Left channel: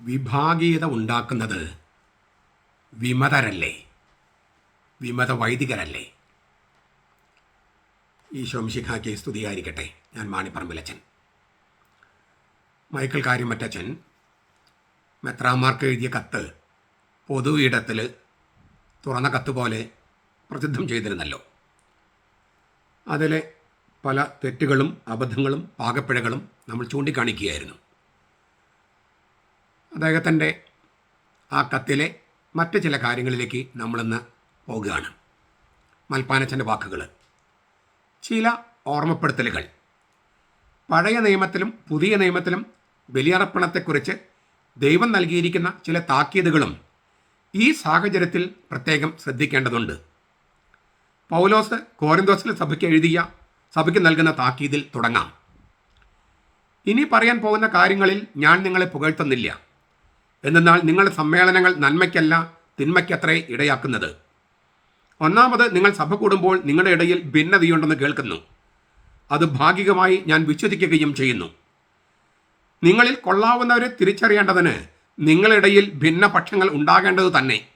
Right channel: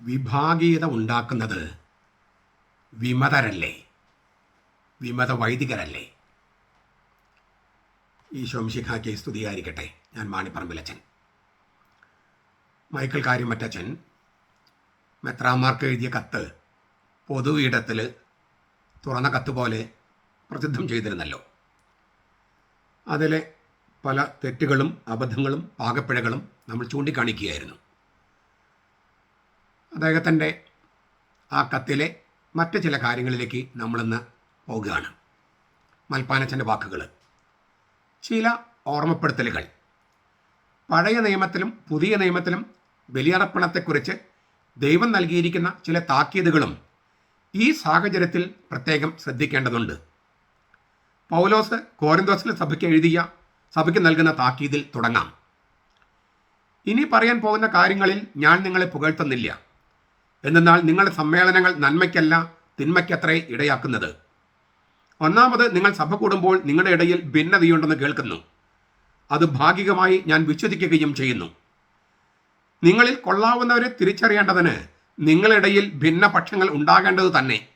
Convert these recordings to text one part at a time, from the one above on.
വിഭാഗീയത ഉണ്ടാക്കുന്നത് വിമതരല്ലേ? വിമത വൈദികരല്ലേ ഈ ശോംശിഖാക്ക് സ്തുതിയായിരിക്കട്ടെ. ഞാൻ മാണിപ്പറമ്പിലച്ചൻ. മൈക്കിൾ കാര്യമറ്റച്ചൻ മെത്രാമാർക്ക് എഴുതിയ കത്ത് പൊതു ഇടത്തിൽ തുറന്ന കത്ത് പോലെ പ്രസിദ്ധം ചെയ്തിരുന്നല്ലോ. അതിലെ പല തെറ്റുകളും അബദ്ധങ്ങളും പാകപ്പിഴകളും നമ്മൾ ചൂണ്ടിക്കാണിക്കുകയായിരുന്നു. അദ്ദേഹത്തിന്റെ ആ കത്തിലെ മറ്റ് ചില കാര്യങ്ങളിലേക്ക് നമ്മളിന്ന് പോകുകയാണ് മൽപ്പാനച്ചന്റെ വാക്കുകൾ ചില ഓർമ്മപ്പെടുത്തലുകൾ. പഴയ നിയമത്തിലും പുതിയ നിയമത്തിലും ബലിയർപ്പണത്തെക്കുറിച്ച് ദൈവം നൽകിയിരിക്കുന്ന ചില താക്കീതുകളും ഈ സാഹചര്യത്തിൽ പ്രത്യേകം ശ്രദ്ധിക്കേണ്ടതുണ്ട്. പൗലോസ് കോരന്തോസിലെ സഭയ്ക്ക് എഴുതിയ സഭയ്ക്ക് നൽകുന്ന താക്കീതിൽ തുടങ്ങാം. ഇനി പറയാൻ പോകുന്ന കാര്യങ്ങളിൽ ഞാൻ നിങ്ങളെ പുകഴ്ത്തുന്നില്ല. എന്നാൽ നിങ്ങളുടെ സമ്മേളനങ്ങൾ നന്മയ്ക്കല്ല തിന്മയ്ക്കത്രേ ഇടയാക്കുന്നത്. ഒന്നാമത് നിങ്ങൾ സഭ കൂടുമ്പോൾ നിങ്ങളുടെ ഇടയിൽ ഭിന്നതയുണ്ടെന്ന് കേൾക്കുന്നു. അത് ഭാഗികമായി ഞാൻ വിശ്വസിക്കുകയും ചെയ്യുന്നു. നിങ്ങളിൽ കൊള്ളാവുന്നവരെ തിരിച്ചറിയേണ്ടതിന് നിങ്ങളിടയിൽ ഭിന്നപക്ഷങ്ങൾ ഉണ്ടാകേണ്ടത് തന്നെ.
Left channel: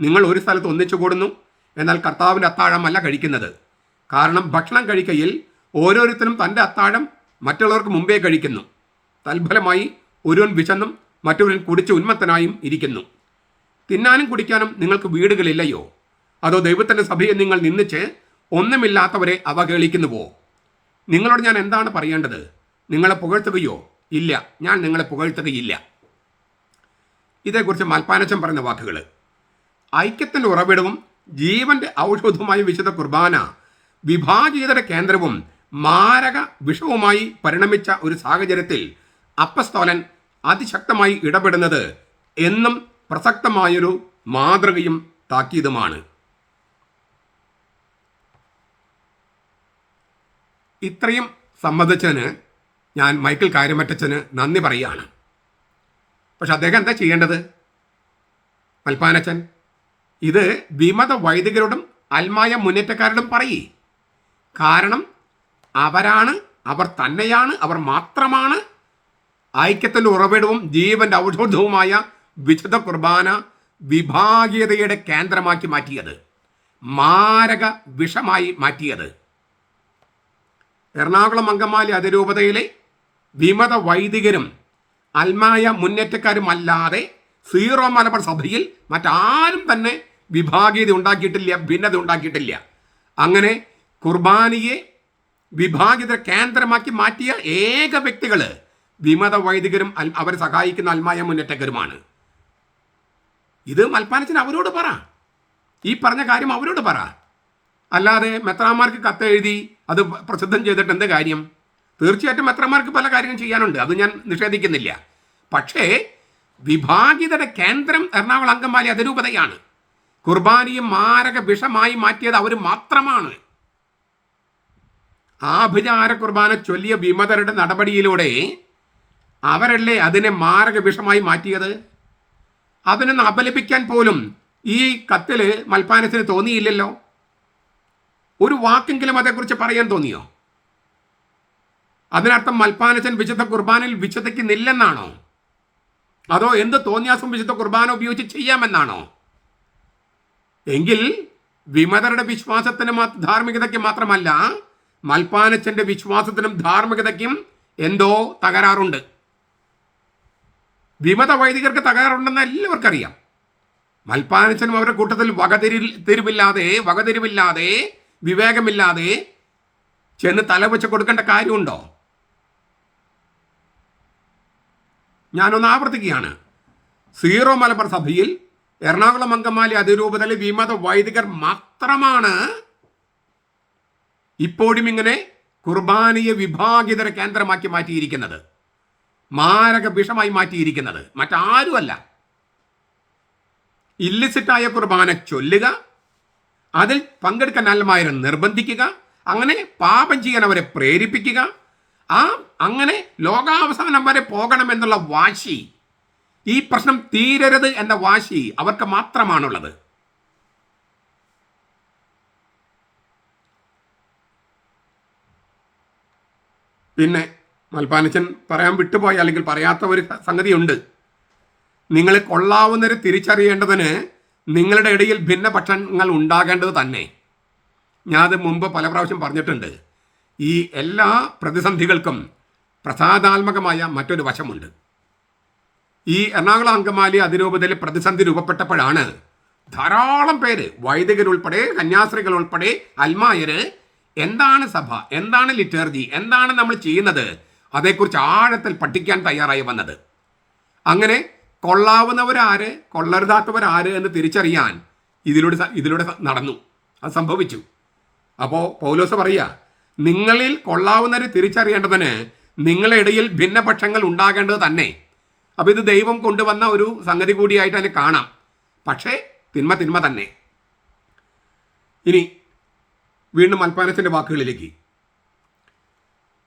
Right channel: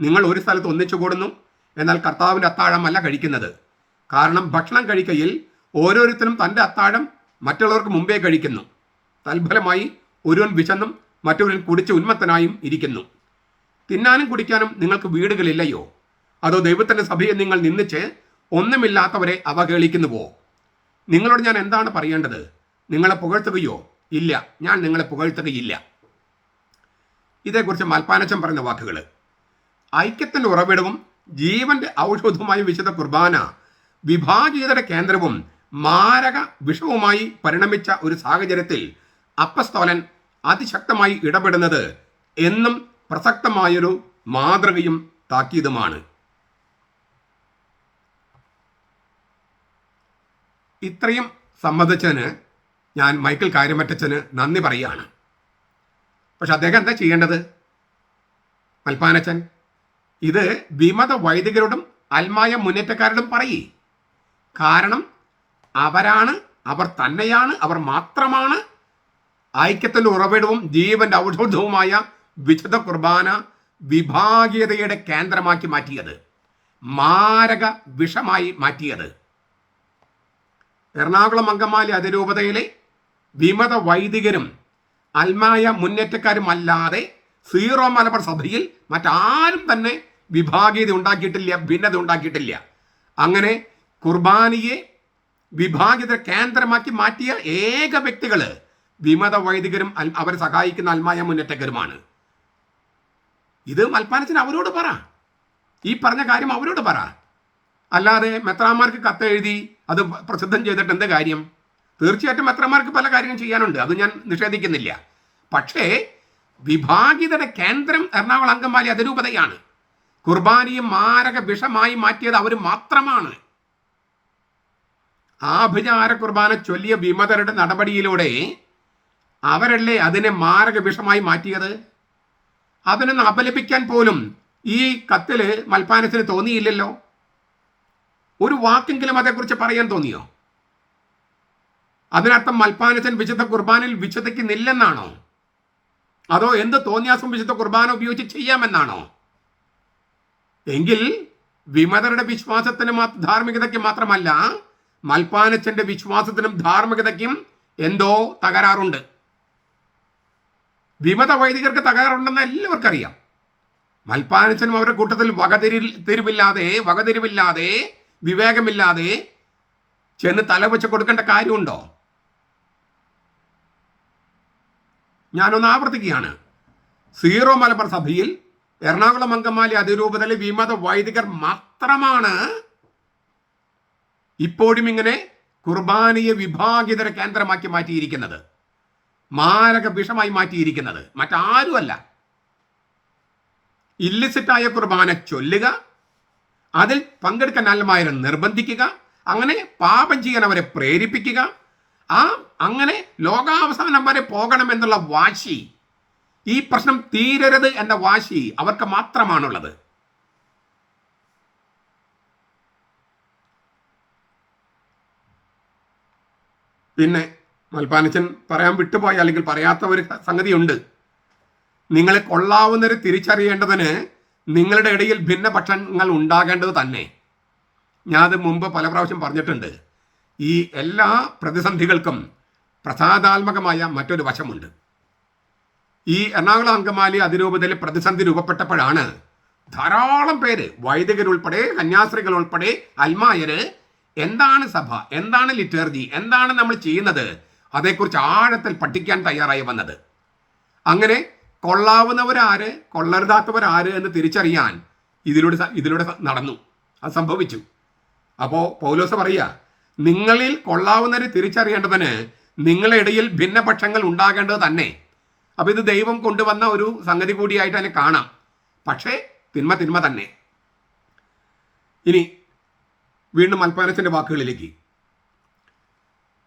നിങ്ങൾ ഒരു സ്ഥലത്ത് ഒന്നിച്ചു കൂടുന്നു എന്നാൽ കർത്താവിന്റെ അത്താഴമല്ല കഴിക്കുന്നത്. കാരണം ഭക്ഷണം കഴിക്കയിൽ ഓരോരുത്തരും തന്റെ അത്താഴം മറ്റുള്ളവർക്ക് മുമ്പേ കഴിക്കുന്നു. തൽഫലമായി ഒരുവൻ വിശന്നും മറ്റൊരുവൻ കുടിച്ച് ഉന്മത്തനായും ഇരിക്കുന്നു. തിന്നാനും കുടിക്കാനും നിങ്ങൾക്ക് വീടുകളില്ലയോ? അതോ ദൈവത്തിന്റെ സഭയെ നിങ്ങൾ നിന്നിച്ച് ഒന്നുമില്ലാത്തവരെ അവഹേളിക്കുന്നുവോ? നിങ്ങളോട് ഞാൻ എന്താണ് പറയേണ്ടത്? നിങ്ങളെ പുകഴ്ത്തുകയോ? ഇല്ല ഞാൻ നിങ്ങളെ പുകഴ്ത്തുകയില്ല. ഇതേക്കുറിച്ച് മൽപ്പാനച്ചൻ പറഞ്ഞ വാക്കുകൾ ഐക്യത്തിന്റെ ഉറവിടവും ജീവന്റെ ഔഷധവുമായ വിശുദ്ധ കുർബാന വിഭാജിതയുടെ കേന്ദ്രവും മാരക വിഷവുമായി പരിണമിച്ച ഒരു സാഹചര്യത്തിൽ അപ്പസ്തോലൻ അതിശക്തമായി ഇടപെടുന്നത് എന്നും പ്രസക്തമായൊരു മാതൃകയും താക്കീതുമാണ്. ഇത്രയും സമ്മതിച്ചതിന് ഞാൻ മൈക്കിൾ കാര്യമറ്റച്ചന് നന്ദി പറയുകയാണ്. പക്ഷെ അദ്ദേഹം എന്താ ചെയ്യേണ്ടത്? മൽപ്പാനച്ചൻ ഇത് വിമത വൈദികരോടും അൽമായ മുന്നേറ്റക്കാരോടും പറയേ. കാരണം അവരാണ് അവർ തന്നെയാണ് അവർ മാത്രമാണ് ഐക്യത്തിന്റെ ഉറവിടവും ജീവന്റെ ഔഷധവുമായ വിശുദ്ധ കുർബാന വിഭാഗീയതയുടെ കേന്ദ്രമാക്കി മാറ്റിയത്. മാരക വിഷമായി മാറ്റിയത്. എറണാകുളം അങ്കമാലി അതിരൂപതയിലെ വിമത വൈദികരും അൽമായ മുന്നേറ്റക്കാരുമല്ലാതെ സീറോ മലബാർ സഭയിൽ മറ്റാരും തന്നെ വിഭാഗീയത ഉണ്ടാക്കിയിട്ടില്ല ഭിന്നത ഉണ്ടാക്കിയിട്ടില്ല. അങ്ങനെ കുർബാനയെ വിഭാഗീയത കേന്ദ്രമാക്കി മാറ്റിയ ഏക വ്യക്തികൾ വിമത വൈദികരും അവരെ സഹായിക്കുന്ന അൽമായ മുന്നേറ്റക്കാരുമാണ് ഇത് മൽപ്പാനച്ചൻ അവരോട് പറ. ഈ പറഞ്ഞ കാര്യം അവരോട് പറ. അല്ലാതെ മെത്രാമാർക്ക് കത്തെഴുതി അത് പ്രസിദ്ധം ചെയ്തിട്ട് എന്ത് കാര്യം? തീർച്ചയായിട്ടും മെത്രാമാർക്ക് പല കാര്യങ്ങളും ചെയ്യാനുണ്ട്. അത് ഞാൻ നിഷേധിക്കുന്നില്ല. പക്ഷേ വിഭാഗിതയുടെ കേന്ദ്രം എറണാകുളം അങ്കമാലി അതിരൂപതയാണ്. കുർബാനയും മാരക വിഷമായി മാറ്റിയത് അവർ മാത്രമാണ്. ആഭിചാര കുർബാന ചൊല്ലിയ വിമതരുടെ നടപടിയിലൂടെ അവരല്ലേ അതിനെ മാരക വിഷമായി മാറ്റിയത്? അതിനൊന്ന് അപലപിക്കാൻ പോലും ഈ കത്തിൽ മൽപ്പാനത്തിന് തോന്നിയില്ലല്ലോ? ഒരു വാക്കെങ്കിലും അതേക്കുറിച്ച് പറയാൻ തോന്നിയോ? അതിനർത്ഥം മൽപ്പാനച്ചൻ വിശുദ്ധ കുർബാനയിൽ വിശുദ്ധിക്കുന്നില്ലെന്നാണോ? അതോ എന്ത് തോന്നിയാസം വിശുദ്ധ കുർബാന ഉപയോഗിച്ച് ചെയ്യാമെന്നാണോ? എങ്കിൽ വിമതരുടെ വിശ്വാസത്തിന് ധാർമ്മികതയ്ക്ക് മാത്രമല്ല മൽപ്പാനച്ചന്റെ വിശ്വാസത്തിനും ധാർമ്മികതയ്ക്കും എന്തോ തകരാറുണ്ട്. വിമത വൈദികർക്ക് തകരാറുണ്ടെന്ന് എല്ലാവർക്കും അറിയാം മൽപ്പാനച്ചനും അവരുടെ കൂട്ടത്തിൽ വകതിരി തിരിവില്ലാതെ വകതിരിവില്ലാതെ വിവേകമില്ലാതെ ചെന്ന് തലവെച്ച് കൊടുക്കേണ്ട കാര്യമുണ്ടോ? ഞാനൊന്ന് ആവർത്തിക്കുകയാണ്. സീറോ മലബാർ സഭയിൽ എറണാകുളം അങ്കമാലി അതിരൂപതയിലെ വിമത വൈദികർ മാത്രമാണ് ഇപ്പോഴും ഇങ്ങനെ കുർബാനയെ വിഭാഗിതര കേന്ദ്രമാക്കി മാറ്റിയിരിക്കുന്നത്. മാരക വിഷമായി മാറ്റിയിരിക്കുന്നത്. മറ്റാരുമല്ല. ഇല്ലിസിറ്റായ കുർബാന ചൊല്ലുക അതിൽ പങ്കെടുക്കാൻ അല്ലമാരെ നിർബന്ധിക്കുക അങ്ങനെ പാപം ചെയ്യാൻ അവരെ പ്രേരിപ്പിക്കുക ആ അങ്ങനെ ലോകാവസാനം വരെ പോകണം എന്നുള്ള വാശി ഈ പ്രശ്നം തീരരുത് എന്ന വാശി അവർക്ക് മാത്രമാണുള്ളത്. പിന്നെ മൽപ്പാനച്ചൻ പറയാൻ വിട്ടുപോയ അല്ലെങ്കിൽ പറയാത്ത ഒരു സംഗതിയുണ്ട്. നിങ്ങളെ കൊള്ളാവുന്നവരെ തിരിച്ചറിയേണ്ടതിന് നിങ്ങളുടെ ഇടയിൽ ഭിന്നപക്ഷങ്ങൾ ഉണ്ടാകേണ്ടത് തന്നെ. ഞാൻ അത് മുമ്പ് പല പ്രാവശ്യം പറഞ്ഞിട്ടുണ്ട്. ഈ എല്ലാ പ്രതിസന്ധികൾക്കും പ്രസാദാത്മകമായ മറ്റൊരു വശമുണ്ട്. ഈ എറണാകുളം അങ്കമാലി അതിരൂപതയിൽ പ്രതിസന്ധി രൂപപ്പെട്ടപ്പോഴാണ് ധാരാളം പേര് വൈദികരുൾപ്പെടെ കന്യാസ്ത്രീകൾ ഉൾപ്പെടെ അൽമായര് എന്താണ് സഭ എന്താണ് ലിറ്റർജി എന്താണ് നമ്മൾ ചെയ്യുന്നത് അതേക്കുറിച്ച് ആഴത്തിൽ പഠിക്കാൻ തയ്യാറായി വന്നത്. അങ്ങനെ കൊള്ളാവുന്നവരാര് കൊള്ളരുതാത്തവരാര് എന്ന് തിരിച്ചറിയാൻ ഇതിലൂടെ ഇതിലൂടെ നടന്നു. അത് സംഭവിച്ചു. അപ്പോൾ പൗലോസ് പറയുക നിങ്ങളിൽ കൊള്ളാവുന്നവരെ തിരിച്ചറിയേണ്ടതിന് നിങ്ങളുടെ ഇടയിൽ ഭിന്നപക്ഷങ്ങൾ ഉണ്ടാകേണ്ടത് തന്നെ. അപ്പോൾ ഇത് ദൈവം കൊണ്ടുവന്ന ഒരു സംഗതി കൂടിയായിട്ട് അതിനെ കാണാം. പക്ഷേ തിന്മ തിന്മ തന്നെ. ഇനി വീണ്ടും അൽപ്പാനത്തിന്റെ വാക്കുകളിലേക്ക്.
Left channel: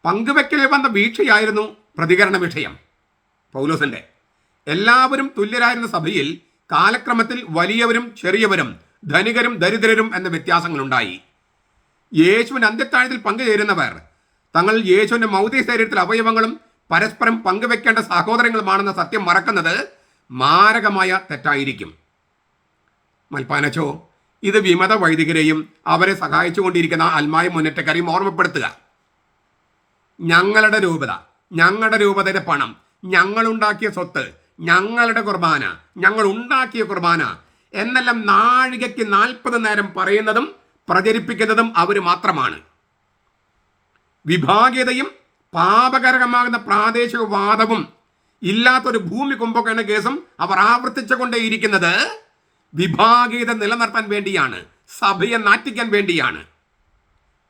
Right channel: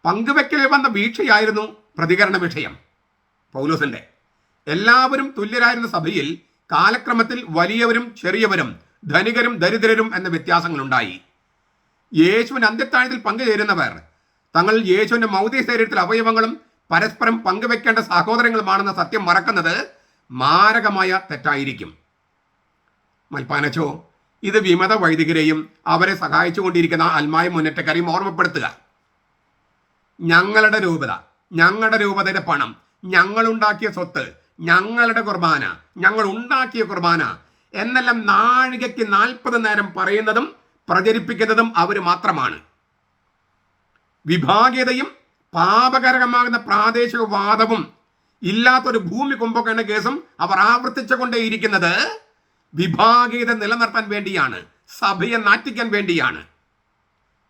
പങ്കുവെക്കൽ വന്ന വീഴ്ചയായിരുന്നു പ്രതികരണ വിഷയം. പൗലോസിന്റെ എല്ലാവരും തുല്യരായിരുന്ന സഭയിൽ കാലക്രമത്തിൽ വലിയവരും ചെറിയവരും ധനികരും ദരിദ്രരും എന്ന വ്യത്യാസങ്ങളുണ്ടായി. യേശുവിന് അന്ത്യത്താഴത്തിൽ പങ്കുചേരുന്നവർ തങ്ങൾ യേശുവിന്റെ മൗതിക ശരീരത്തിൽ അവയവങ്ങളും പരസ്പരം പങ്കുവെക്കേണ്ട സഹോദരങ്ങളുമാണെന്ന സത്യം മറക്കുന്നത് മാരകമായ തെറ്റായിരിക്കും. മൽപ്പാനച്ചോ ഇത് വിമത വൈദികരെയും അവരെ സഹായിച്ചുകൊണ്ടിരിക്കുന്ന അൽമായ മുന്നേറ്റക്കാരെയും ഓർമ്മപ്പെടുത്തുക. ഞങ്ങളുടെ രൂപത ഞങ്ങളുടെ രൂപതയുടെ പണം ഞങ്ങളുണ്ടാക്കിയ സ്വത്ത് ഞങ്ങളുടെ കുർബാന ഞങ്ങൾ ഉണ്ടാക്കിയ കുർബാന എന്നെല്ലാം നാഴികയ്ക്ക് നാൽപ്പത് നേരം പറയുന്നതും പ്രചരിപ്പിക്കുന്നതും അവർ മാത്രമാണ്. വിഭാഗീയതയും പാപകരകമാകുന്ന പ്രാദേശിക വാദവും ഇല്ലാത്തൊരു ഭൂമി കുംഭകരണ കേസും അവർ ആവർത്തിച്ചുകൊണ്ടേയിരിക്കുന്നത് വിഭാഗീയത നിലനിർത്താൻ വേണ്ടിയാണ് സഭയെ നാറ്റിക്കാൻ വേണ്ടിയാണ്.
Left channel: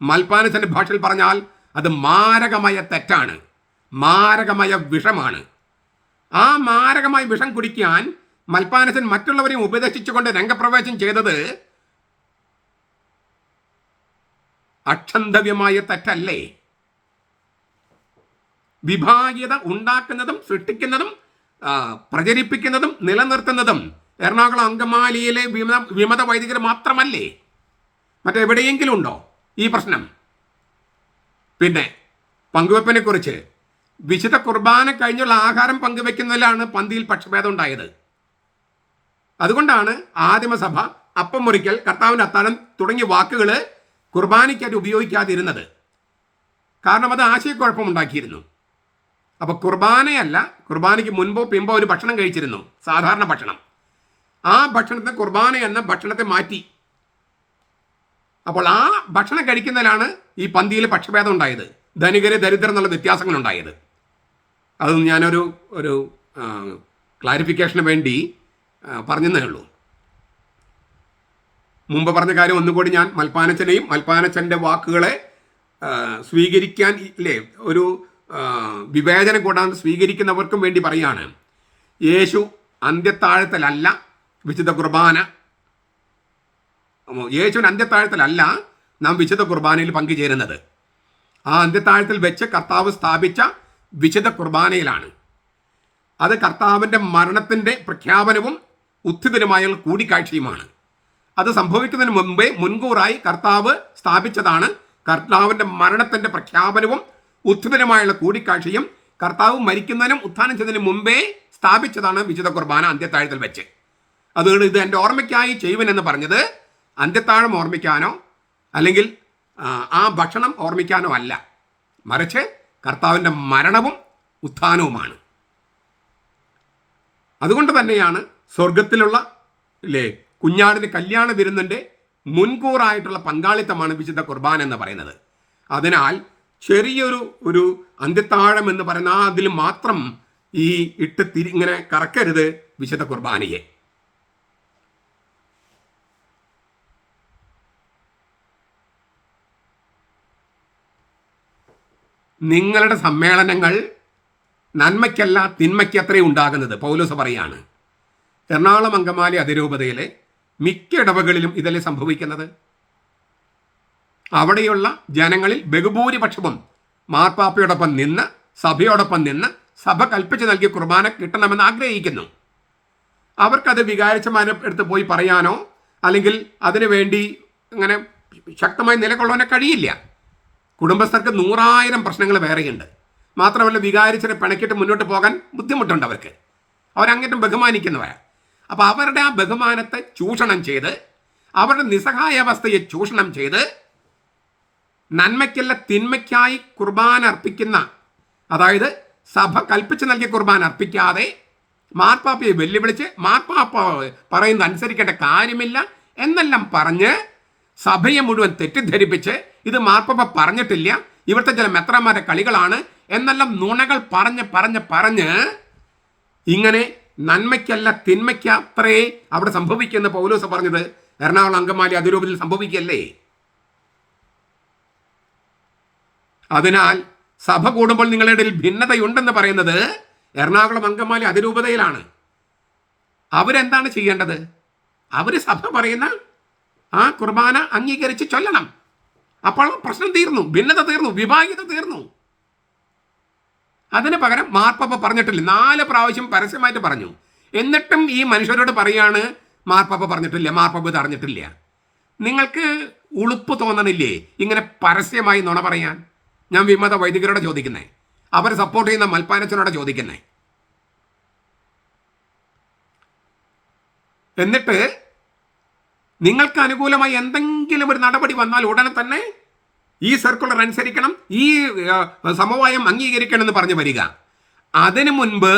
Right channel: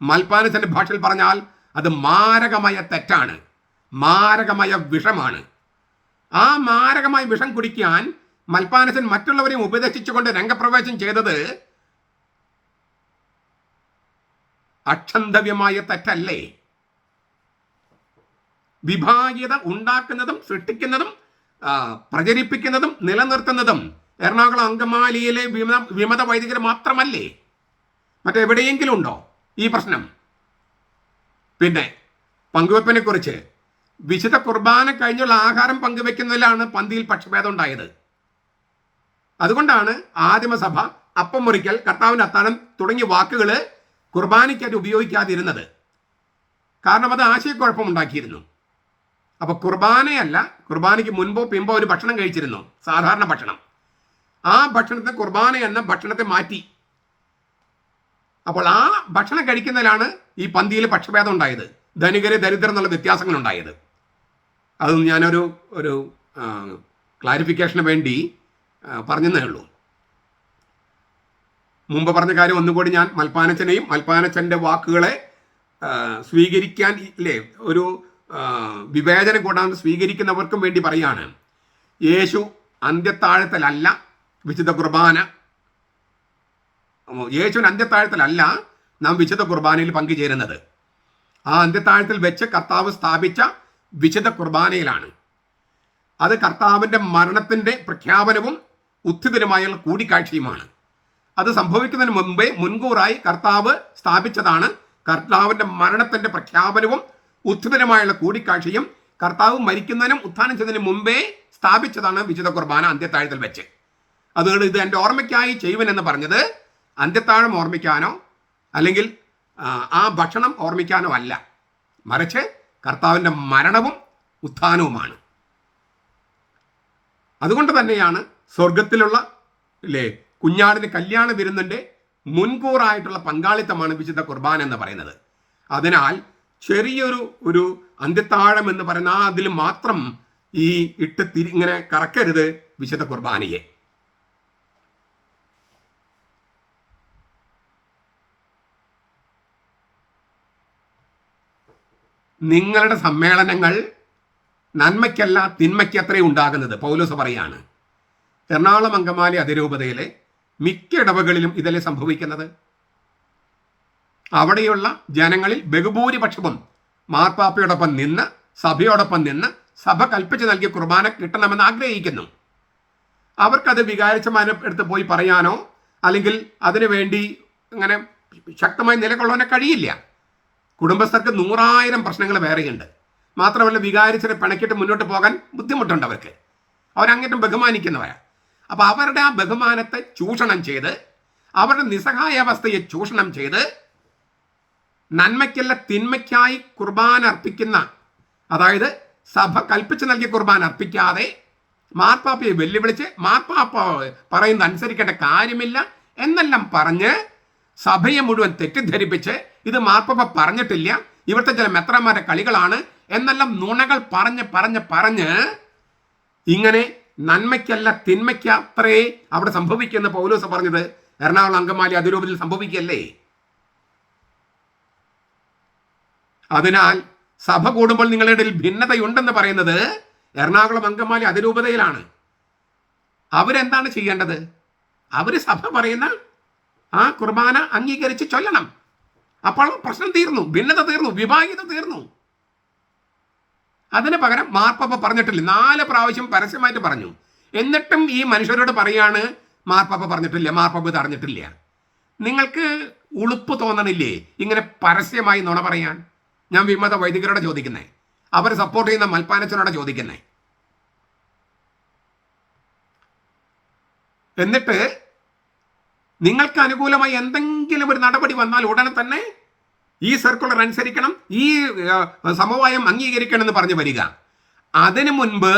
മൽപ്പാനത്തിന്റെ ഭാഷയിൽ പറഞ്ഞാൽ അത് മാരകമായ തെറ്റാണ്. മാരകമായ വിഷമാണ്. ആ മാരകമായ വിഷം കുടിക്കാൻ മൽപ്പാനസൻ മറ്റുള്ളവരെയും ഉപദേശിച്ചുകൊണ്ട് രംഗപ്രവേശം ചെയ്തത് അക്ഷന്തവ്യമായ തെറ്റല്ലേ? വിഭാഗീയത ഉണ്ടാക്കുന്നതും സൃഷ്ടിക്കുന്നതും പ്രചരിപ്പിക്കുന്നതും നിലനിർത്തുന്നതും എറണാകുളം അങ്കമാലിയിലെ വിമത വിമത വൈദികർ മാത്രമല്ലേ? മറ്റെവിടെയെങ്കിലും ഉണ്ടോ ഈ പ്രശ്നം? പിന്നെ പങ്കുവെപ്പിനെ കുറിച്ച് വിശുദ്ധ കുർബാന കഴിഞ്ഞുള്ള ആഹാരം പങ്കുവെക്കുന്നതിലാണ് പന്തിയിൽ പക്ഷഭേദം ഉണ്ടായത്. അതുകൊണ്ടാണ് ആദിമസഭ അപ്പം മുറിക്കൽ കർത്താവിന്റെ അത്താഴം തുടങ്ങിയ വാക്കുകൾ കുർബാനയ്ക്കായിട്ട് ഉപയോഗിക്കാതിരുന്നത്. കാരണം അത് ആശയക്കുഴപ്പമുണ്ടാക്കിയിരുന്നു അപ്പോൾ കുർബാനയല്ല കുർബാനയ്ക്ക് മുൻപോ പിമ്പോ ഒരു ഭക്ഷണം കഴിച്ചിരുന്നു സാധാരണ ഭക്ഷണം. ആ ഭക്ഷണത്തെ കുർബാന എന്ന ഭക്ഷണത്തെ മാറ്റി. അപ്പോൾ ആ ഭക്ഷണം കഴിക്കുന്നതിലാണ് ഈ പന്തിയിൽ പക്ഷഭേദം ഉണ്ടായത്. ധനികര് ദരിദ്രം എന്നുള്ള വ്യത്യാസങ്ങൾ ഉണ്ടായത്. അത് ഞാനൊരു ഒരു ക്ലാരിഫിക്കേഷന് വേണ്ടി പറഞ്ഞതേ ഉള്ളൂ. മുമ്പ് പറഞ്ഞ കാര്യം ഒന്നുകൂടി ഞാൻ മൽപ്പാനച്ചനെയും മൽപ്പാനച്ചന്റെ വാക്കുകളെ സ്വീകരിക്കാൻ ഇല്ലേ ഒരു വിവേചനം കൂടാതെ സ്വീകരിക്കുന്നവർക്കും വേണ്ടി പറയാണ്. യേശു അന്ത്യത്താഴത്തിലല്ല വിശുദ്ധ കുർബാന യേശുവിന് അന്ത്യത്താഴത്തിലല്ല നാം വിശുദ്ധ കുർബാനയിൽ പങ്കുചേരുന്നത്. ആ അന്ത്യത്താഴത്തിൽ വെച്ച് കർത്താവ് സ്ഥാപിച്ച വിശുദ്ധ കുർബാനയിലാണ്. അത് കർത്താവിന്റെ മരണത്തിന്റെ പ്രഖ്യാപനവും ഉത്ഥിതനുമായുള്ള കൂടിക്കാഴ്ചയുമാണ്. അത് സംഭവിക്കുന്നതിന് മുമ്പേ മുൻകൂറായി കർത്താവ് സ്ഥാപിച്ചതാണ് കർത്താവിന്റെ മരണത്തിന്റെ പ്രഖ്യാപനവും ഉത്ഥിതനുമായുള്ള കൂടിക്കാഴ്ചയും കർത്താവ് മരിക്കുന്നതിനും ഉത്ഥാനം ചെയ്തതിന് മുമ്പേ സ്ഥാപിച്ചതാണ് വിശുദ്ധ കുർബാന അന്ത്യത്താഴത്തിൽ വെച്ച്. അതുകൊണ്ട് ഇത് എന്റെ ഓർമ്മയ്ക്കായി ചെയ്യുവനെന്ന് പറഞ്ഞത് അന്ത്യത്താഴം ഓർമ്മിക്കാനോ അല്ലെങ്കിൽ ആ, ഭക്ഷണം ഓർമ്മിക്കാനോ അല്ല. മറിച്ച് കർത്താവിന്റെ മരണവും ഉത്ഥാനവുമാണ്. അതുകൊണ്ട് തന്നെയാണ് സ്വർഗത്തിലുള്ള അല്ലേ കുഞ്ഞാടിന് കല്യാണ വിരുന്നിന്റെ മുൻകൂറായിട്ടുള്ള പങ്കാളിത്തമാണ് വിശുദ്ധ കുർബാന എന്ന് പറയുന്നത്. അതിനാൽ ചെറിയൊരു ഒരു അന്ത്യത്താഴം എന്ന് പറയുന്ന അതിൽ മാത്രം ഈ ഇട്ട് തിരി ഇങ്ങനെ കറക്കരുത് വിശുദ്ധ കുർബാനയെ. നിങ്ങളുടെ സമ്മേളനങ്ങൾ നന്മയ്ക്കല്ല തിന്മയ്ക്കത്രേ ഉണ്ടാകുന്നത് പൗലോസ് പറയാണ്. എറണാകുളം അങ്കമാലി അതിരൂപതയിലെ മിക്ക ഇടവകളിലും ഇതല്ലേ സംഭവിക്കുന്നത്? അവിടെയുള്ള ജനങ്ങളിൽ ബഹുഭൂരിപക്ഷവും മാർപ്പാപ്പയോടൊപ്പം നിന്ന് സഭയോടൊപ്പം നിന്ന് സഭ കൽപ്പിച്ച് നൽകിയ കുർബാന കിട്ടണമെന്ന് ആഗ്രഹിക്കുന്നു. അവർക്കത് വികാരിച്ചമാരെ എടുത്ത് പോയി പറയാനോ അല്ലെങ്കിൽ അതിനു വേണ്ടി അങ്ങനെ ശക്തമായി നിലകൊള്ളാനോ കഴിയില്ല. കുടുംബസ്ഥർക്ക് നൂറായിരം പ്രശ്നങ്ങൾ വേറെയുണ്ട്. മാത്രമല്ല വികാരിച്ചനെ പിണക്കിട്ട് മുന്നോട്ട് പോകാൻ ബുദ്ധിമുട്ടുണ്ട് അവർക്ക്. അവരങ്ങേറ്റം ബഹുമാനിക്കുന്നവരാണ് അപ്പോൾ അവരുടെ ആ ബഹുമാനത്തെ ചൂഷണം ചെയ്ത് അവരുടെ നിസ്സഹായാവസ്ഥയെ ചൂഷണം ചെയ്ത് നന്മയ്ക്കല്ല തിന്മയ്ക്കായി കുർബാന അർപ്പിക്കുന്ന അതായത് സഭ കൽപ്പിച്ച് നൽകിയ കുർബാന അർപ്പിക്കാതെ മാർപ്പാപ്പയെ വെല്ലുവിളിച്ച് മാർപ്പാപ്പ പറയുന്നത് അനുസരിക്കേണ്ട കാര്യമില്ല എന്നെല്ലാം പറഞ്ഞ് സഭയെ മുഴുവൻ തെറ്റിദ്ധരിപ്പിച്ച് ഇത് മാർപ്പാപ്പ പറഞ്ഞിട്ടില്ല. ഇവിടുത്തെ ചില മെത്രന്മാരുടെ കളികളാണ്. എന്നെല്ലാം നുണകൾ പറഞ്ഞ് പറഞ്ഞ് പറഞ്ഞ് ഇങ്ങനെ നന്മയ്ക്കല്ല തിന്മയ്ക്ക് അത്രേ അവിടെ സംഭവിക്കുന്ന പൗലോസ് പറഞ്ഞത്. എറണാകുളം അങ്കമാലി അതിരൂപത്തിൽ സംഭവിക്കല്ലേ അതിനാൽ സഭ കൂടുമ്പോൾ നിങ്ങളുടെ ഇടയിൽ ഭിന്നതയുണ്ടെന്ന് പറയുന്നത് എറണാകുളം അങ്കമാലി അതിരൂപതയിലാണ്. അവരെന്താണ് ചെയ്യേണ്ടത്? അവർ സഭ പറയുന്ന ആ കുർബാന അംഗീകരിച്ച് ചൊല്ലണം. അപ്പോൾ പ്രശ്നം തീർന്നു ഭിന്നത തീർന്നു വിഭാഗീയത തീർന്നു. അതിന് പകരം മാർപ്പാപ്പ പറഞ്ഞിട്ടില്ല. നാല് പ്രാവശ്യം പരസ്യമായിട്ട് പറഞ്ഞു. എന്നിട്ടും ഈ മനുഷ്യരോട് പറയാണ് മാർപ്പാപ്പ പറഞ്ഞിട്ടില്ല മാർപ്പാപ്പ തടഞ്ഞിട്ടില്ല നിങ്ങൾക്ക് ഉളുപ്പ് തോന്നണില്ലേ? ഇങ്ങനെ പരസ്യമായി നുണ പറയാൻ. ഞാൻ വിമത വൈദികരോട് ചോദിക്കുന്നേ. അവർ സപ്പോർട്ട് ചെയ്യുന്ന മൽപ്പാനച്ചനോട് ചോദിക്കുന്നേ. എന്നിട്ട് നിങ്ങൾക്ക് അനുകൂലമായി എന്തെങ്കിലും ഒരു നടപടി വന്നാൽ ഉടനെ തന്നെ ഈ സർക്കുലർ അനുസരിക്കണം ഈ സമവായം അംഗീകരിക്കണം എന്ന് പറഞ്ഞു വരിക. അതിനു മുൻപ്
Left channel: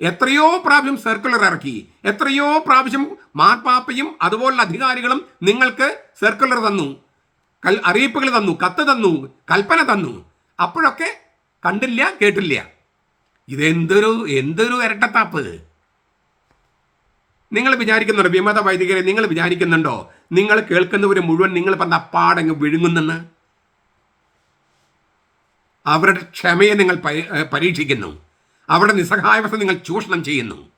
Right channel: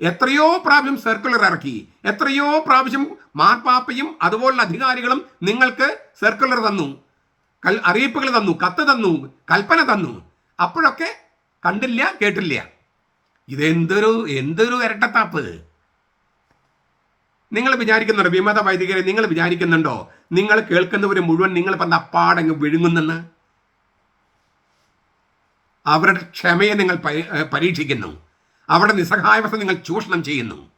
എത്രയോ പ്രാവശ്യം സർക്കുലർ ഇറക്കി എത്രയോ പ്രാവശ്യം മാർപ്പാപ്പയും അതുപോലുള്ള അധികാരികളും നിങ്ങൾക്ക് സർക്കുലർ തന്നു കൽ അറിയിപ്പുകൾ തന്നു കത്ത് തന്നു കൽപ്പന തന്നു. അപ്പോഴൊക്കെ കണ്ടില്ല കേട്ടില്ല. ഇതെന്തൊരു എന്തൊരു ഇരട്ടത്താപ്പ്. നിങ്ങൾ വിചാരിക്കുന്നുണ്ടോ? വിമത വൈദികരെ നിങ്ങൾ വിചാരിക്കുന്നുണ്ടോ? നിങ്ങൾ കേൾക്കുന്നവർ മുഴുവൻ നിങ്ങൾ പറഞ്ഞ അപ്പാടങ്ങ് വിഴുങ്ങുന്നെന്ന്? അവരുടെ ക്ഷമയെ നിങ്ങൾ പരീക്ഷിക്കുന്നു. അവരുടെ നിസ്സഹായവസ്ഥ നിങ്ങൾ ചൂഷണം ചെയ്യുന്നു.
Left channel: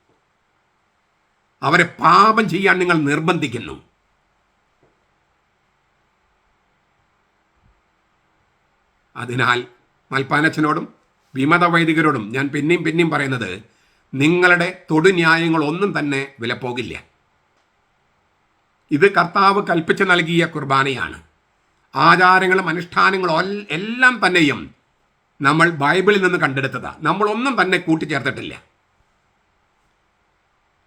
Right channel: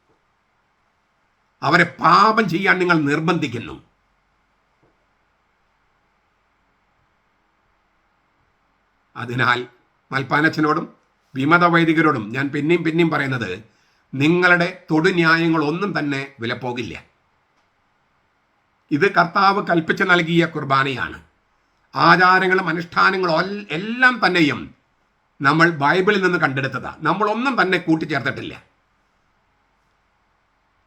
അവരെ പാപം ചെയ്യാൻ നിങ്ങൾ നിർബന്ധിക്കുന്നു. അതിനാൽ മൽപ്പാനച്ചനോടും വിമത വൈദികരോടും ഞാൻ പിന്നെയും പിന്നെയും പറയുന്നത് നിങ്ങളുടെ തൊടുന്യായങ്ങൾ ഒന്നും തന്നെ വിലപ്പോകില്ല. ഇത് കർത്താവ് കൽപ്പിച്ച് നൽകിയ കുർബാനയാണ്. ആചാരങ്ങളും അനുഷ്ഠാനങ്ങളും എല്ലാം തന്നെയും നമ്മൾ ബൈബിളിൽ നിന്ന് കണ്ടെടുത്തതാണ് നമ്മളൊന്നും തന്നെ കൂട്ടിച്ചേർത്തിട്ടില്ല.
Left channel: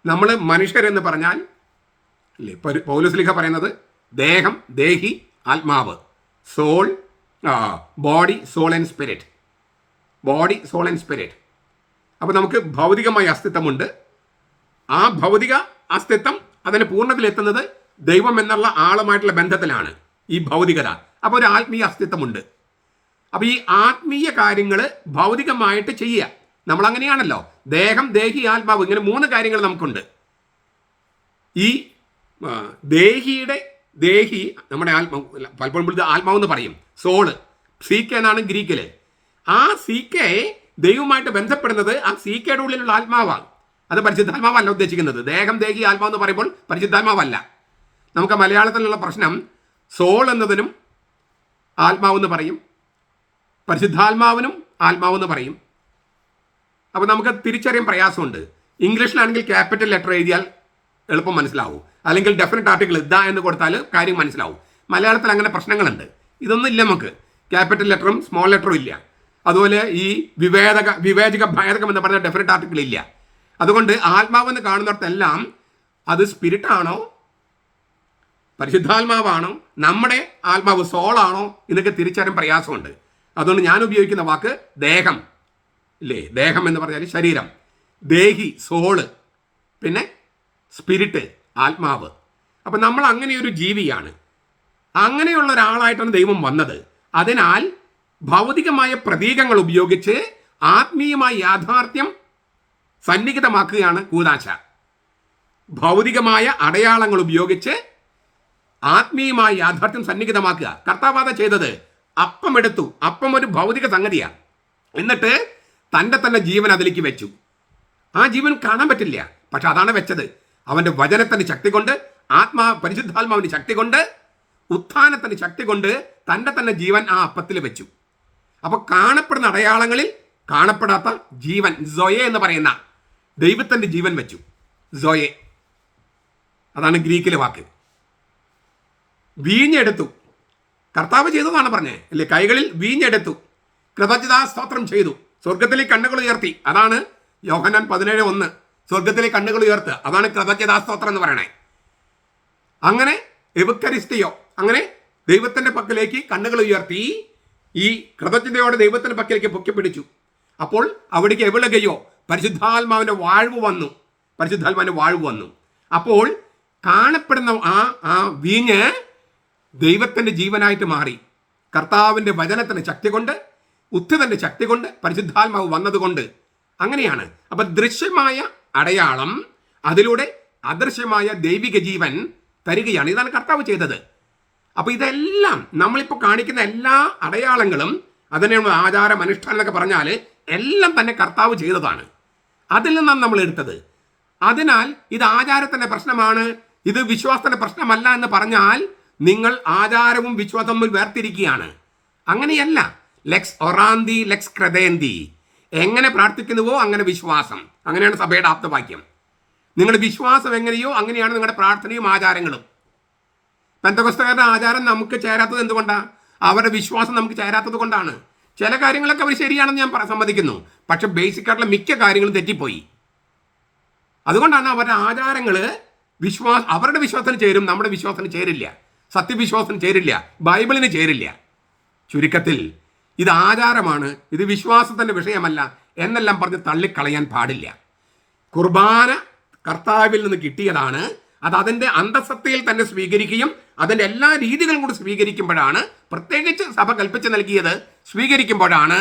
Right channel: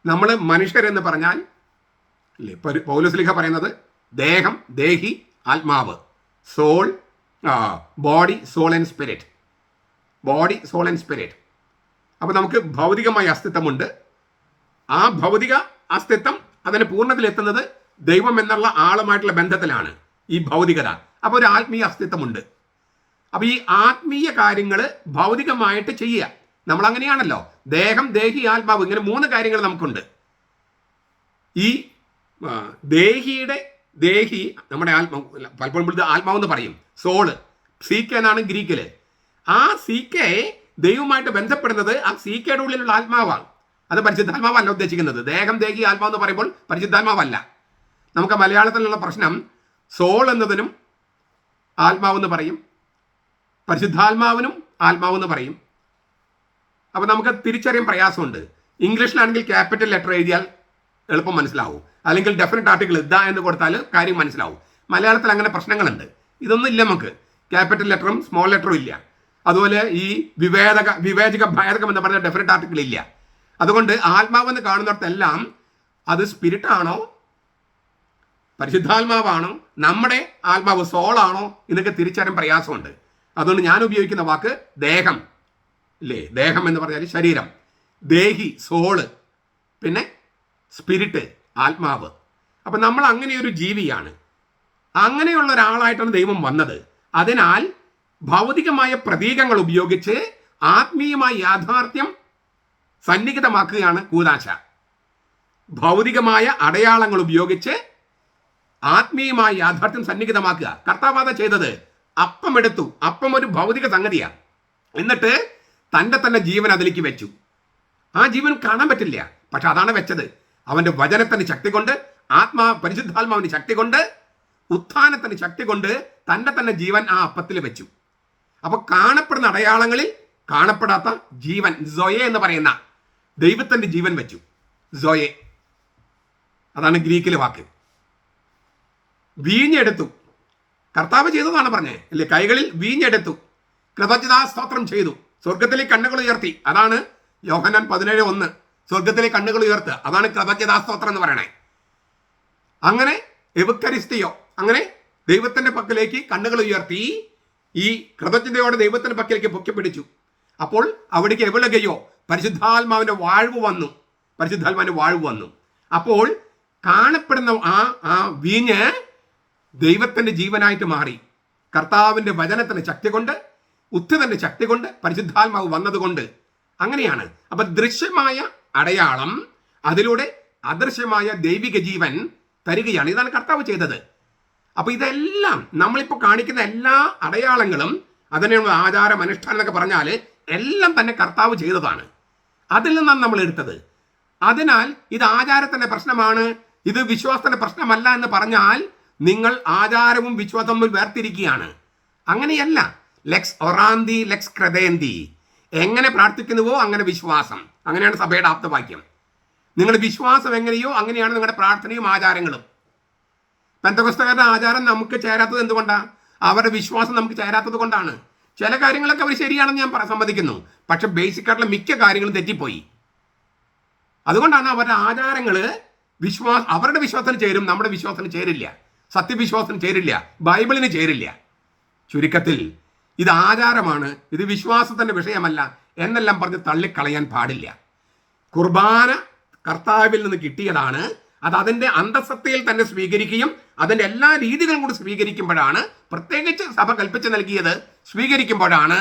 നമ്മൾ മനുഷ്യരെന്ന് പറഞ്ഞാൽ അല്ലേ പൗലോസ്ലിഹ പറയുന്നത് ദേഹം ദേഹി ആത്മാവ് soul body soul and spirit. Body soul and spirit. അപ്പോൾ നമുക്ക് ഭൗതികമായ അസ്തിത്വമുണ്ട്. ആ ഭൗതിക അസ്തിത്വം അതിന് പൂർണതയിലെത്തുന്നത് ദൈവം എന്നുള്ള ആളുമായിട്ടുള്ള ബന്ധത്തിലാണ് ഈ ഭൗതികത. അപ്പോൾ ഒരു ആത്മീയ അസ്തിത്വമുണ്ട്. അപ്പോൾ ഈ ആത്മീയ കാര്യങ്ങൾ ഭൗതികമായിട്ട് ചെയ്യുക. നമ്മൾ അങ്ങനെയാണല്ലോ ദേഹം ദേഹി ആത്മാവ് ഇങ്ങനെ മൂന്ന് കാര്യങ്ങൾ നമുക്കുണ്ട്. ഈ ദേഹിയുടെ ദേഹി നമ്മുടെ ആത്മാവ് പലപ്പോഴും ആത്മാവെന്ന് പറയും. സോൾ. സീക്ക എന്നാണ് ഗ്രീക്കിൽ. ആ സി കെ ദൈവമായിട്ട് ബന്ധപ്പെടുന്നത് ആ സി ഉള്ളിലുള്ള ആത്മാവാണ്. അത് പരിശുദ്ധാത്മാവല്ല ഉദ്ദേശിക്കുന്നത്. ദേഹം ദേഹി ആത്മാവ് എന്ന് പറയുമ്പോൾ പരിശുദ്ധാത്മാവല്ല. നമുക്ക് മലയാളത്തിലുള്ള പ്രശ്നം സോൾ എന്നതിനും ആത്മാവെന്ന് പറയും. പരിശുദ്ധാത്മാവിനും ആത്മാവെന്ന് പറയും. അപ്പോൾ നമുക്ക് തിരിച്ചറിയാൻ പ്രയാസമുണ്ട്. ഇംഗ്ലീഷിലാണെങ്കിൽ ക്യാപിറ്റൽ ലെറ്റർ എഴുതിയാൽ എളുപ്പം മനസ്സിലാവും. അല്ലെങ്കിൽ ഡെഫിനറ്റ് ആർട്ടിക്കിൾ ഇതാ എന്ന് കൊടുത്താൽ കാര്യം മനസ്സിലാവും. മലയാളത്തിൽ അങ്ങനെ പ്രശ്നങ്ങളുണ്ട്. ഇതൊന്നും ഇല്ല നമുക്ക്. ക്യാപിറ്റൽ ലെറ്ററും സ്മോൾ ലെറ്ററും ഇല്ല. അതുപോലെ ഈ വിവേചക വിവേചക ഭേദകം എന്ന് പറഞ്ഞ ഡെഫിനറ്റ് ആർട്ടിക്കിൾ ഇല്ല. അതുകൊണ്ട് ആത്മാവെന്ന് കാണുന്നിടത്തെല്ലാം അത് സ്പിരിറ്റാണോ പരിശുദ്ധാത്മാവാണോ? നമ്മുടെ ആത്മാവ് സോളാണോ എന്നൊക്കെ തിരിച്ചറിയാൻ പ്രയാസമുണ്ട്. അതുകൊണ്ട് ഞാൻ ഉപയോഗിക്കുന്ന വാക്ക് ദേഹം ഇല്ലേ? ദേഹം എന്ന് പറഞ്ഞാൽ ശരീരം. ദേഹി സോൾ പിന്നെ സ്പിരിറ്റ് ആത്മാവ്. അപ്പം നമ്മൾ അങ്ങനെയൊരു ജീവിയാണ്. അങ്ങനെയുള്ള ഒരാളായിട്ടാണ് ദൈവം വന്നത്. അതിനാൽ ഭൗതികമായ പ്രതീകങ്ങൾ ഉപയോഗിച്ച് ആത്മീയമായ യാഥാർത്ഥ്യം സന്നിഹിതമാക്കുകയാണ് കൂതാശ. ഭൗതികമായ അടയാളങ്ങൾ ഉപയോഗിച്ച് ആത്മീയമായ യാഥാർത്ഥ്യം സന്നിഹിതമാക്കുക. കർത്താവാദ ചെയ്തത്. അപ്പം എടുത്തു അപ്പം ഒരു ഭൗതിക സംഗതിയാണ്. എന്നിട്ട് തന്റെ തന്നെ ജീവൻ അതിലേക്ക് വെച്ചു. ആ ജീവൻ കാണാൻ പറ്റില്ല. പക്ഷെ അതാണ് വെച്ചത്. അവന്റെ വചനത്തിന്റെ ശക്തി കൊണ്ട് ആത്മാ പരിശുദ്ധാത്മാവിന്റെ ശക്തി കൊണ്ട് ഉത്ഥാനത്തിന്റെ ശക്തി കൊണ്ട് തന്റെ തന്നെ ജീവൻ ആ അപ്പത്തിൽ വെച്ചു. അപ്പൊ കാണപ്പെടുന്ന അടയാളങ്ങളിൽ കാണപ്പെടാത്ത ജീവൻ സൊയെ എന്ന് പറയുന്ന ദൈവത്തിന്റെ ജീവൻ വെച്ചു. സൊയെ. അതാണ് ഗ്രീക്കിലെ വാക്ക്. വീഞ്ഞെടുത്തു. കർത്താവ് ചെയ്തതാണ് പറഞ്ഞത് അല്ലേ? കൈകളിൽ വീഞ്ഞെടുത്തു. കൃതജ്ഞതാ സ്തോത്രം ചെയ്തു. സ്വർഗത്തിലെ കണ്ണുകൾ ഉയർത്തി. അതാണ് യോഹനാൻ പതിനേഴ് ഒന്ന്. സ്വർഗത്തിലെ കണ്ണുകൾ ഉയർത്തുക അതാണ് കൃതജ്ഞതാ സ്തോത്രം എന്ന് പറയണേ. അങ്ങനെ എവുക്കരിസ്റ്റിയോ അങ്ങനെ ദൈവത്തിന്റെ പക്കലേക്ക് കണ്ണുകൾ ഉയർത്തി. ഈ കൃതജ്ഞതയോടെ ദൈവത്തിന്റെ പക്കലേക്ക് പൊക്കിപ്പിടിച്ചു അപ്പോൾ അവിടേക്ക് എവിളകയോ പരിശുദ്ധാത്മാവിന്റെ വാഴ്വ് വന്നു. പരിശുദ്ധാത്മാവിന്റെ വാഴ്വ് വന്നു. അപ്പോൾ കാണപ്പെടുന്ന ആ ആ വീഞ്ഞ് ദൈവത്തിന്റെ ജീവനായിട്ട് മാറി. കർത്താവിന്റെ വചനത്തിന്റെ ശക്തി കൊണ്ട് ഉത്തിതന്റെ ശക്തി കൊണ്ട് പരിശുദ്ധാത്മാവ് വന്നതുകൊണ്ട് അങ്ങനെയാണ്. അപ്പൊ ദൃശ്യമായ അടയാളം അതിലൂടെ അദൃശ്യമായ ദൈവിക ജീവൻ തരികയാണ്. ഇതാണ് കർത്താവ് ചെയ്തത്. അപ്പൊ ഇതെല്ലാം നമ്മളിപ്പോൾ കാണിക്കുന്ന എല്ലാ അടയാളങ്ങളും അതിനെ ആചാരം അനുഷ്ഠാനം എന്നൊക്കെ പറഞ്ഞാൽ എല്ലാം തന്നെ കർത്താവ് ചെയ്തതാണ്. അതിൽ നിന്നാണ് നമ്മൾ എടുത്തത്. അതിനാൽ ഇത് ആചാരത്തിന്റെ പ്രശ്നമാണ്. ഇത് വിശ്വാസത്തിന്റെ പ്രശ്നമല്ല എന്ന് പറഞ്ഞാൽ നിങ്ങൾ ആചാരവും വിശ്വാസവും വേർതിരിക്കുകയാണ്. അങ്ങനെയല്ല. ലെക്സ് ഒറാന്തി ലെക്സ് ക്രതേന്തി എങ്ങനെ പ്രാർത്ഥിക്കുന്നുവോ അങ്ങനെ വിശ്വാസം. അങ്ങനെയാണ് സഭയുടെ ആപ്തവാക്യം. നിങ്ങളുടെ വിശ്വാസം എങ്ങനെയോ അങ്ങനെയാണ് നിങ്ങളുടെ പ്രാർത്ഥനയും ആചാരങ്ങളും. പെന്തകസ്തകാരുടെ ആചാരം നമുക്ക് ചേരാത്തത് എന്തുകൊണ്ടാണ് അവരുടെ വിശ്വാസം നമുക്ക് ചേരാത്തത് കൊണ്ടാണ്. ചില കാര്യങ്ങളൊക്കെ അവർ ശരിയാണെന്ന് ഞാൻ സമ്മതിക്കുന്നു. പക്ഷെ ബേസിക് ആയിട്ടുള്ള മിക്ക കാര്യങ്ങളും തെറ്റിപ്പോയി. അതുകൊണ്ടാണ് അവരുടെ ആചാരങ്ങൾ വിശ്വാസ അവരുടെ വിശ്വാസത്തിന് ചേരും നമ്മുടെ വിശ്വാസത്തിന് ചേരില്ല. സത്യവിശ്വാസത്തിന് ചേരില്ല ബൈബിളിന് ചേരില്ല. ചുരുക്കത്തിൽ ഇത് ആചാരമാണ് ഇത് വിശ്വാസത്തിന്റെ വിഷയമല്ല എന്നെല്ലാം പറഞ്ഞ് തള്ളിക്കളയാൻ പാടില്ല. കുർബാന കർത്താവിൽ നിന്ന് കിട്ടിയതാണ് അത് അതിന്റെ അന്തസത്തയിൽ തന്നെ സ്വീകരിക്കുകയും അതിന്റെ എല്ലാ രീതികളും കൂടി സ്വീകരിക്കുമ്പോഴാണ് പ്രത്യേകിച്ച് സഭ കൽപ്പിച്ച് നൽകിയത് സ്വീകരിക്കുമ്പോഴാണ്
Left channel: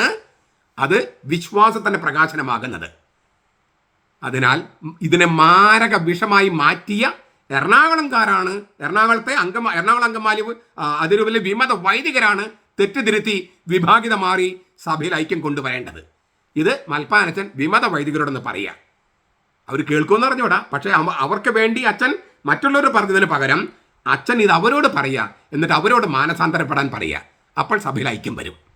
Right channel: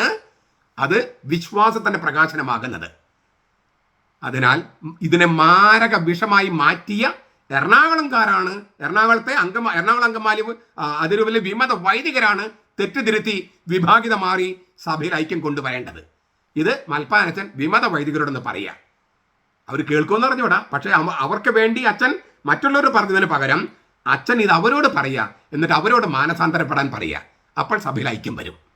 അത് വിശ്വാസത്തിന്റെ പ്രകാശനമാകുന്നത്. അതിനാൽ ഇതിനെ മാരക വിഷമായി മാറ്റിയ എറണാകുളംകാരാണ് എറണാകുളത്തെ അങ്കം എറണാകുളം അങ്കമാലി ആ, വിമത വൈദികരാണ് തെറ്റിതിരുത്തി വിഭാഗിത മാറി സഭയിൽ ഐക്യം കൊണ്ടുവരേണ്ടത്. ഇത് മൽപ്പാനച്ചൻ വിമത വൈദികരോടൊന്ന് പറയുക. അവർ കേൾക്കുമെന്ന് പറഞ്ഞുകൂടാ പക്ഷേ അവർക്ക് വേണ്ടി അച്ഛൻ മറ്റുള്ളവർ പറഞ്ഞതിന് പകരം അച്ഛൻ ഇത് അവരോട് പറയുക എന്നിട്ട് അവരോട് മാനസാന്തരപ്പെടാൻ പറയുക അപ്പോൾ സഭയിൽ ഐക്യം വരും.